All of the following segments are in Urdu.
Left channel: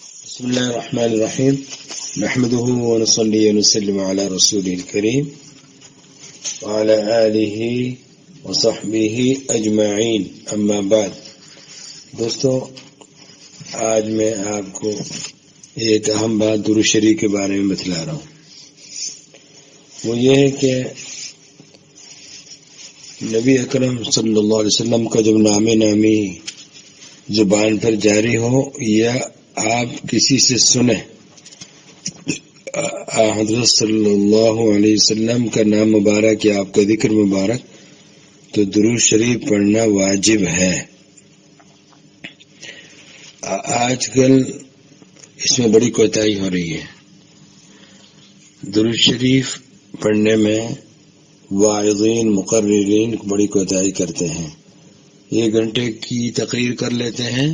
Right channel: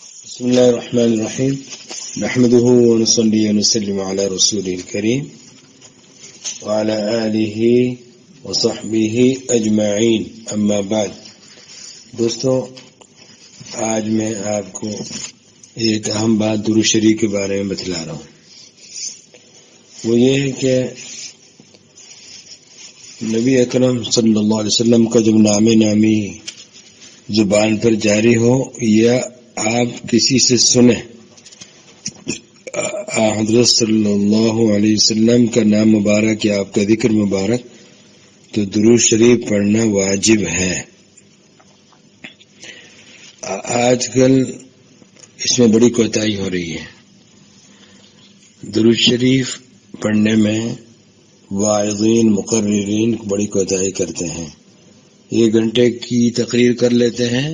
بسم الله الرحمن الرحيم نحمده ونصلي ونسلم على رسوله الكريم وعلى آله وصحبه أجمعين أما بعد دوستو آج میں آپ کو ایک اہم بات درود شریف کے بارے میں بتلا رہا ہوں. وہ یہ ہے کہ نبی اکرم صلی اللہ علیہ وسلم کا جب نامی زبان پر جاری ہو یا آپ کسی سے سنیں حضرت صلی اللہ علیہ وسلم کا نام مبارک یا آپ کا ذکر مبارک تو درود شریف پڑھنا واجب ہے. آج کل اس میں بڑی کوتاہی ہو رہی ہے. درود شریف پڑھنے میں واعظین مقررین بڑی کوتاہی کرتے ہیں. 1 گھنٹے کی تقریر کر لیتے ہیں,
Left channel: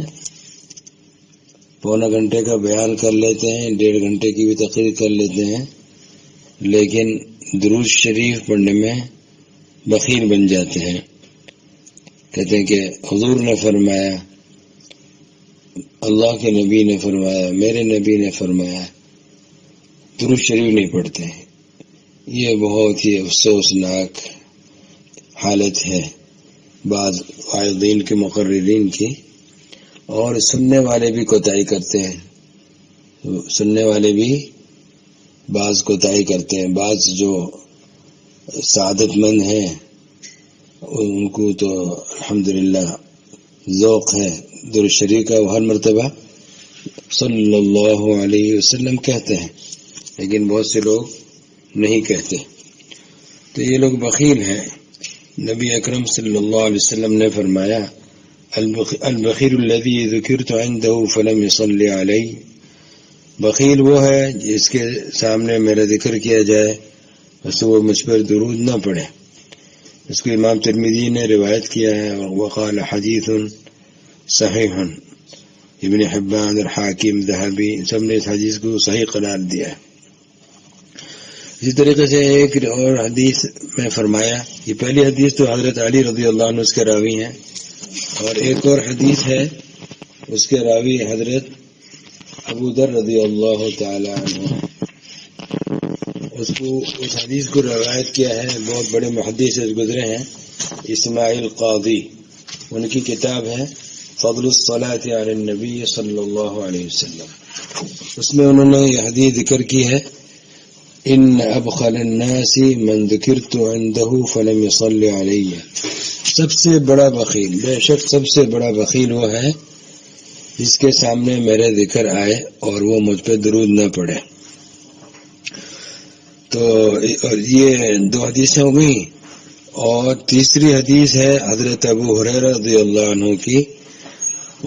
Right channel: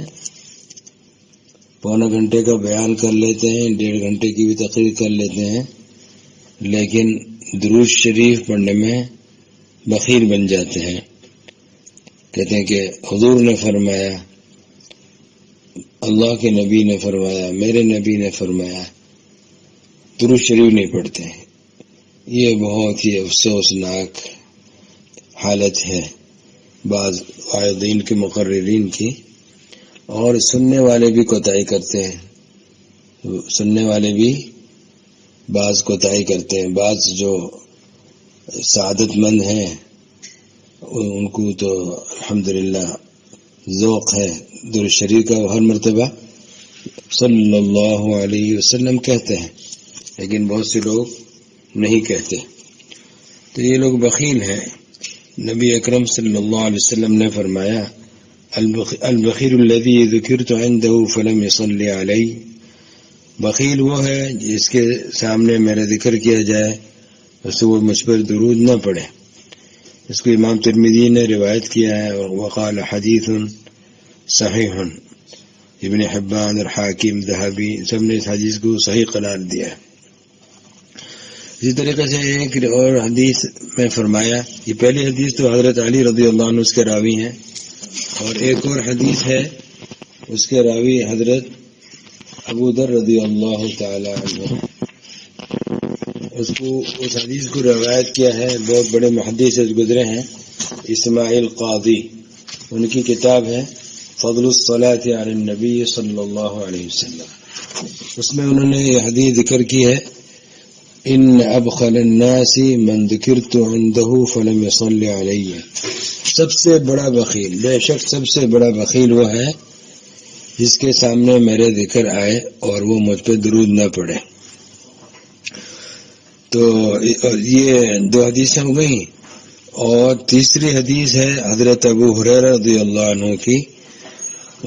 پونا گھنٹے کا بیان کر لیتے ہیں, 1.5 گھنٹے کی بھی تقریر کر لیتے ہیں, لیکن درود شریف پڑھنے میں بخیل بن جاتے ہیں. کہتے ہیں کہ حضور نے فرمایا, اللہ کے نبی نے فرمایا, میرے نبی نے فرمایا, درود شریف نہیں پڑھتے ہیں. یہ بہت ہی افسوسناک حالت ہے بعض واعظین کے مقررین کی, اور سننے والے بھی کوتاہی کرتے ہیں. سننے والے بھی بعض کوتاہی کرتے ہیں. بعض جو سعادت مند ہیں ان کو تو الحمدللہ ذوق ہے درود شریف کا, ہر مرتبہ صلی اللہ علیہ وسلم کہتے ہیں, لیکن بہت سے لوگ نہیں کہتے. تو یہ لوگ بخیل ہیں. نبی اکرم صلی اللہ علیہ وسلم نے فرمایا, البخیل الذی ذکرت عنده فلم يصلی علی, بخیل وہ ہے جس کے سامنے میرا ذکر کیا جائے بس وہ مجھ پر درود نہ پڑھے. اس کو امام ترمذی نے روایت کیا ہے, وقال حدیث صحیح. ابن حبان اور حاکم ذہبی سب نے اس حدیث کو صحیح قرار دیا ہے. اسی طریقے سے ایک اور حدیث میں فرمایا, یہ پہلی حدیث تو حضرت علی رضی اللہ عنہ اس کے راوی ہیں, اور ایک اور حدیث ہے اس کے راوی حضرت ابو ذر رضی اللہ تعالی عنہ. اس حدیث کو روایت کیا ہے بہت بڑے محدث گزرے ہیں, اسماعیل قاضی. ان کی کتاب ہے فضل الصلاۃ علی النبی صلی اللہ علیہ وسلم. اس میں انہوں نے یہ حدیث ذکر کی ہے, ان ابخل الناس من ذکرت عنده فلم يصلی علی. سب سے بڑا بخیل, بے شک سب سے بڑا بخیل وہ ہے جس کے سامنے میرے ذکر آئے اور وہ مجھ پہ درود نہ پڑے. تو یہ 2 حدیثیں ہو گئی, اور تیسری حدیث ہے حضرت ابو ہریرہ رضی اللہ عنہ کی.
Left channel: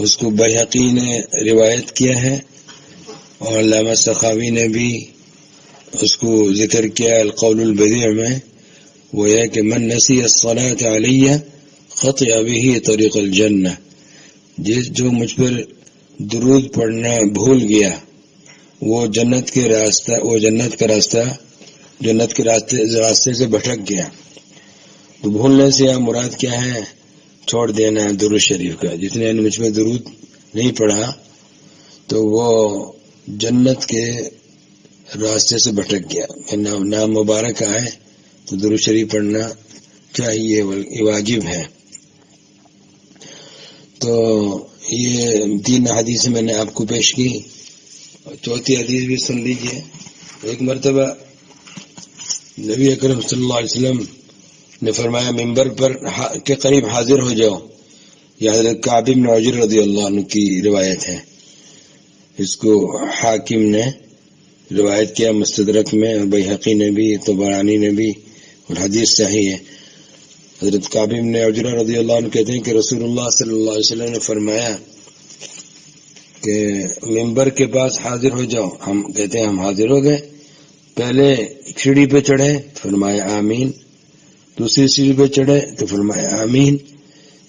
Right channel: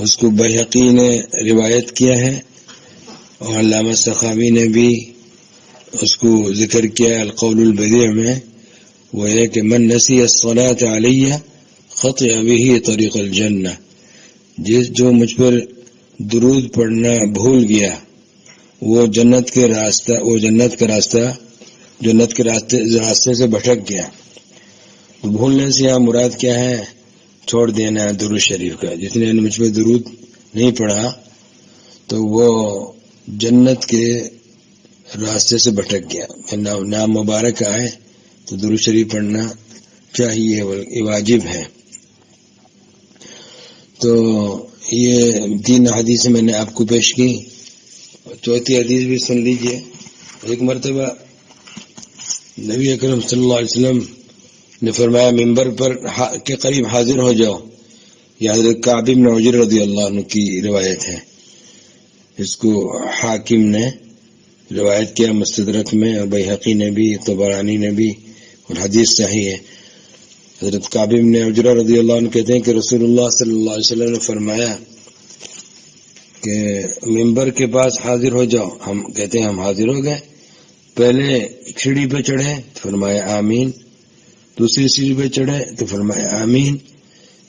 اس کو بیہقی نے روایت کیا ہے اور علامہ سخاوی نے بھی اس کو ذکر کیا القول البدیع میں. وہ ہے کہ من نسی الصلاۃ علی خطئ بہ طریق الجنہ, جو مجھ پر درود پڑھنا بھول گیا وہ جنت کے راستے سے بھٹک گیا. تو بھولنے سے یہاں مراد کیا ہے, چھوڑ دینا درود شریف کا. جتنے نے مجھ پہ درود نہیں پڑھا تو وہ جنت کے راستے سے بھٹک گیا. نام مبارک آئے تو درود شریف پڑھنا چاہیے, یہ واجب ہے. تو یہ 3 حدیث میں نے آپ کو پیش کی. چوتھی حدیث بھی سن لیجئے. ایک مرتبہ نبی اکرم صلی اللہ علیہ وسلم نے فرمایا, ممبر پر کے قریب حاضر ہو جاؤ. یہ حضرت کعب بن عجر رضی اللہ عنہ کی روایت ہے. اس کو حاکم نے روایت کیا مستدرک میں, اور بیہقی نے بھی, طبرانی نے بھی, اور حدیث صحیح ہے. حضرت کعب بن عجرہ رضی اللہ عنہ کہتے ہیں کہ رسول اللہ صلی اللہ علیہ وسلم نے فرمایا کہ ممبر کے پاس حاضر ہو جاؤ. ہم کہتے ہیں ہم حاضر ہو گئے. پہلے سیڑھی پہ چڑھے تو فرمایا آمین, دوسری سیڑھی پہ چڑھے تو فرمایا آمین,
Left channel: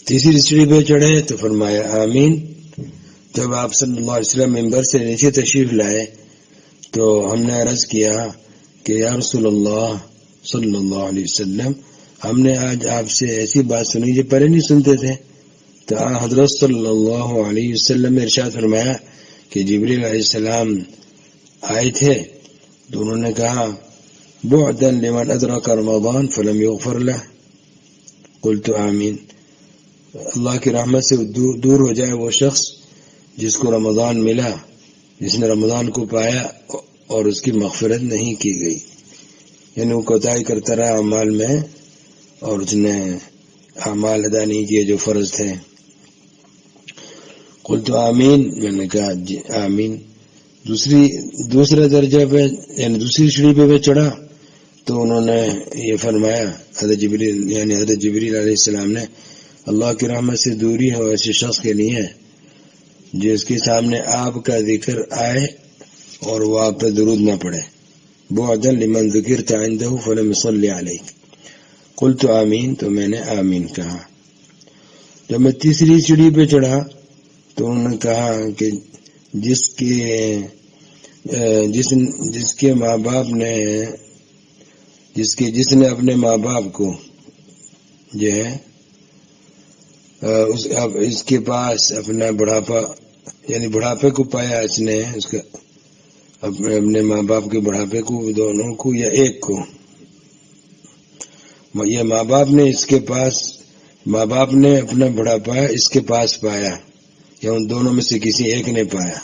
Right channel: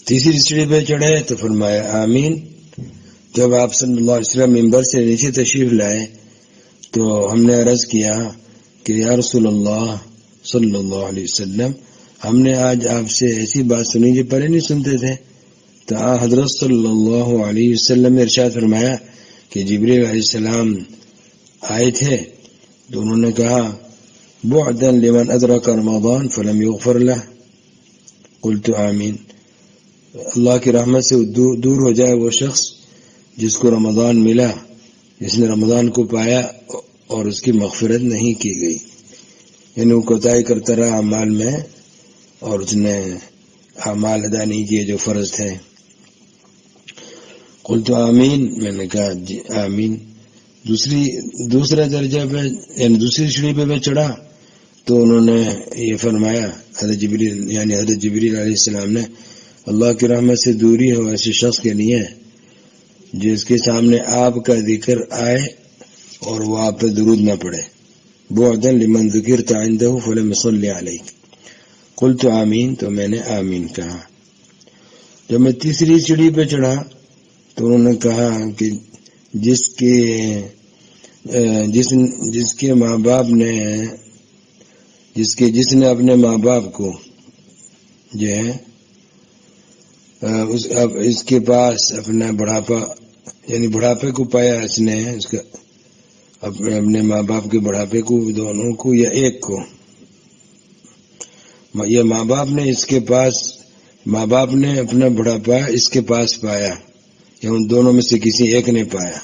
تیسری سیڑھی پہ چڑھے تو فرمایا آمین. جب آپ صلی اللہ علیہ وسلم ممبر سے نیچے تشریف لائے تو ہم نے عرض کیا کہ یا رسول اللہ صلی اللہ علیہ وسلم, ہم نے آج آپ سے ایسی بات سنی جو پہلے نہیں سنتے تھے. تو حضرت صلی اللہ علیہ وسلم نے ارشاد فرمایا کہ جبریل علیہ السلام آئے تھے تو انہوں نے کہا بعدا لمن ادرک رمضان فلم یغفر لہ قلت آمین، اللہ کی رحمت سے دور ہو جائے وہ شخص جس کو رمضان ملا، جس نے رمضان کو پایا اور اس کی مغفرت نہیں کی گئی، یعنی وہ کوتاہی کرتا رہا اعمال میں اور اس نے اعمال ادا نہیں کیے جو فرض تھے۔ قلت آمین، میں نے کہا جی آمین۔ دوسرے درجے پہ یعنی دوسری سیڑھی پہ چڑھا تو انہوں نے یہ فرمایا، حضرت جبریل علیہ السلام نے، اللہ کی رحمت سے دوری ہو ایسے شخص کے لیے جس کے سامنے آپ کا ذکر آئے اور وہ آپ پہ درود نہ پڑے، بعدا لمن ذکرت عنده فلم يصلي عليك قلت آمین، تو میں نے آمین کہا۔ جب میں تیسری سیڑھی پہ چڑھا تو انہوں نے کہا کہ جس کے ماں باپ نے جس نے اپنے ماں باپ کو جو ہے اس کے پاس اپنا بڑھاپا یعنی بڑھاپے کو پایا، اس نے اس کا اپنے ماں باپ کے بڑھاپے کو، دونوں کو یا ایک کو، یہ ماں باپ نے اپنا بڑھاپا اس کے پاس پایا یا ان دونوں میں سے کسی ایک نے پایا،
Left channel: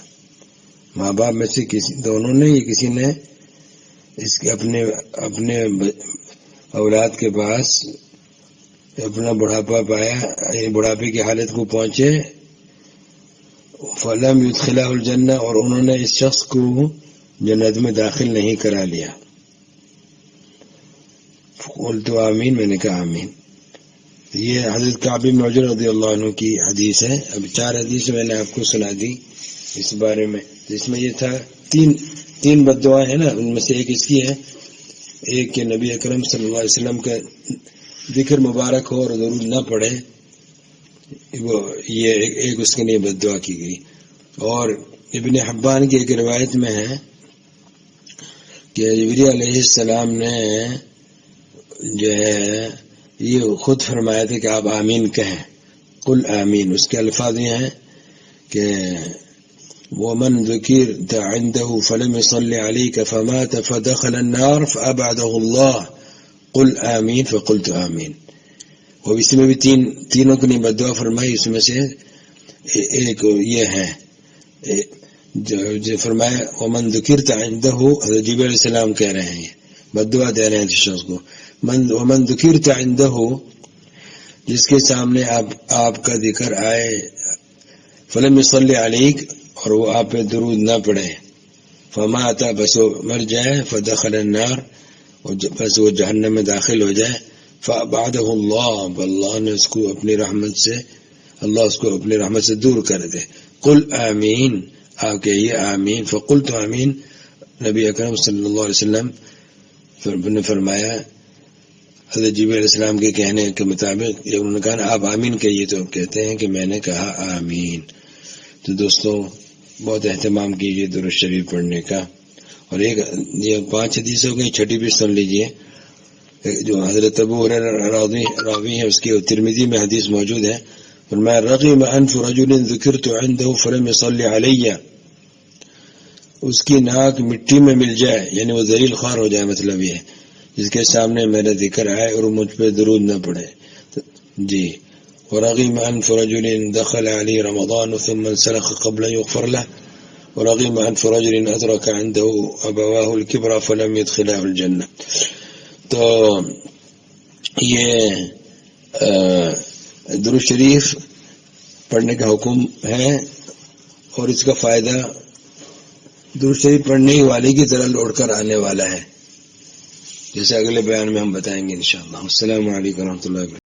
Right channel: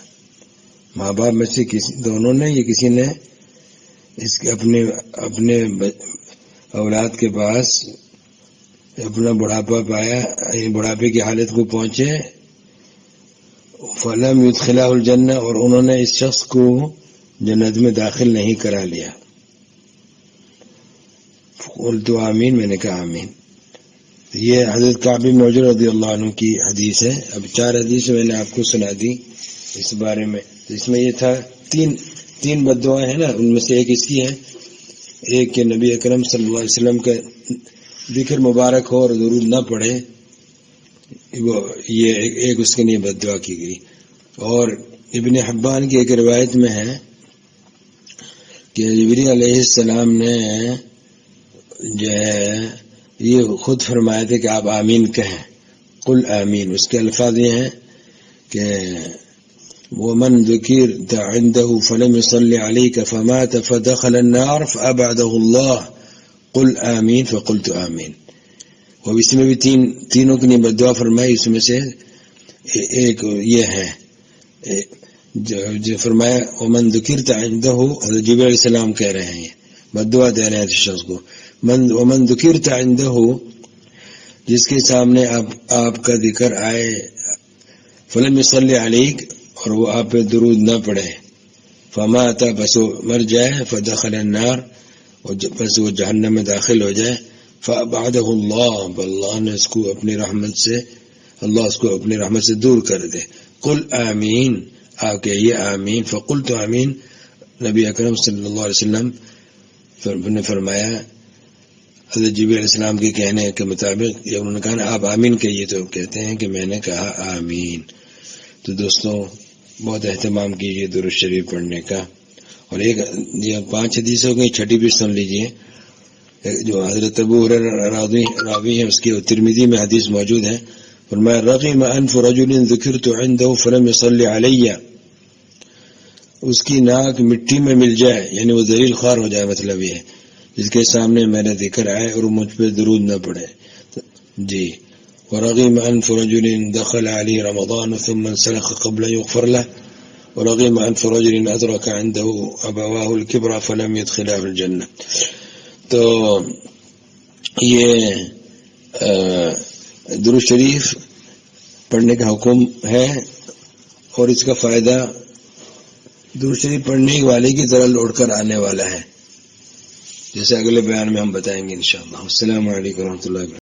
ماں باپ میں سے دونوں نے یا کسی نے اس کے اپنے اولاد کے پاس اپنا بڑھاپا پایا، یعنی بڑھاپے کی حالت کو پہنچے، فلم یدخلہ الجنہ، اور انہوں نے اس شخص کو جنت میں داخل نہیں کرا لیا۔ قلت آمین، میں نے کہا آمین۔ یہ حضرت کعب بن عجرہ رضی اللہ عنہ کی حدیث ہے۔ اب 4 حدیث میں نے آپ کو سنا دی اس بارے میں، اس میں یہ تھا تین بد دعائیں ہیں نا، ان میں سے ایک اس کی ہے، ایک کہ نبی اکرم صلی اللہ علیہ وسلم کا ذکر مبارک ہو اور درود نہ پڑھے، وہ یہ ایک اس کے لیے بد دعا کی گئی۔ اور ابن حبان کی ایک روایت میں ہے کہ جبریل علیہ السلام نے جو ہے یہ خود فرمایا تھا کہ آپ آمین کہیں، قل آمین۔ اس کے الفاظ یہ ہیں کہ ومن ذکرت عنده فلم يصلي عليك فمات فدخل النار فأبعده الله قل آمین فقلت آمین۔ اور اس میں بھی تینوں کی بد دعا فرمائی، اس میں سے ایک یہ ہے جو فرمایا ومن ذکرت عنده، حضرت جبریل علیہ السلام کہہ رہے ہیں، بد دعا دے رہے ہیں اس شخص کو، ومن ذکرت عنده، جس کے سامنے آپ کا ذکر آئے، فلم يصلي عليك، اور وہ آپ پہ درود نہ پڑے، فمات، بس وہ مر جائے، فدخل النار، اور بس وہ جہنم میں داخل ہو جائے، فابعدہ اللہ، اللہ نے اس کو اپنی رحمت سے، اللہ اس کو اپنی رحمت سے دور کر دے۔ قل آمین، آپ کہیے آمین، فقلت آمین، نبی اکرم صلی اللہ علیہ وسلم نے فرمایا حضرت جبریل علیہ السلام کے کہنے کے مطابق، جب انہوں نے کہا آپ آمین کہیے تو کہتے ہیں کہ میں نے کہا آمین۔ تو دوستوں بہت اہتمام کیجیے درود شریف پڑھنے کا۔ اور ایک یہ 5 حدیث ہو گئی، چھٹی بھی سن لیجیے، جو حضرت ابو ہریرہ راوی ہیں، اس کی ترمذی میں حدیث موجود ہے، فرمایا رغم انف رجل ذکرت عنده فلم يصلي علی، اس کی ناک مٹی میں مل جائے، یعنی وہ ذلیل خوار ہو جائے، مطلب یہ جس کے سامنے میرا ذکر آئے اور مجھ پہ درود نہ پڑے جی۔ ورغم انف رجل دخل علی رمضان ثم انسلخ قبل يغفر له، ورغم انف رجل ادرك عنده ابواه الكبر فلم يدخله الجنہ۔ تو یہ درود شریف پڑھنے کا حکم ہے، اور اس کا فائدہ درود شریف پڑھنے ہی والے کی طرح لوٹ کر آنے والا ہے، جیسے اگلے بیان میں ہم بتائیں گے انشاءاللہ۔ السلام علیکم ورحمۃ اللہ وبرکاتہ۔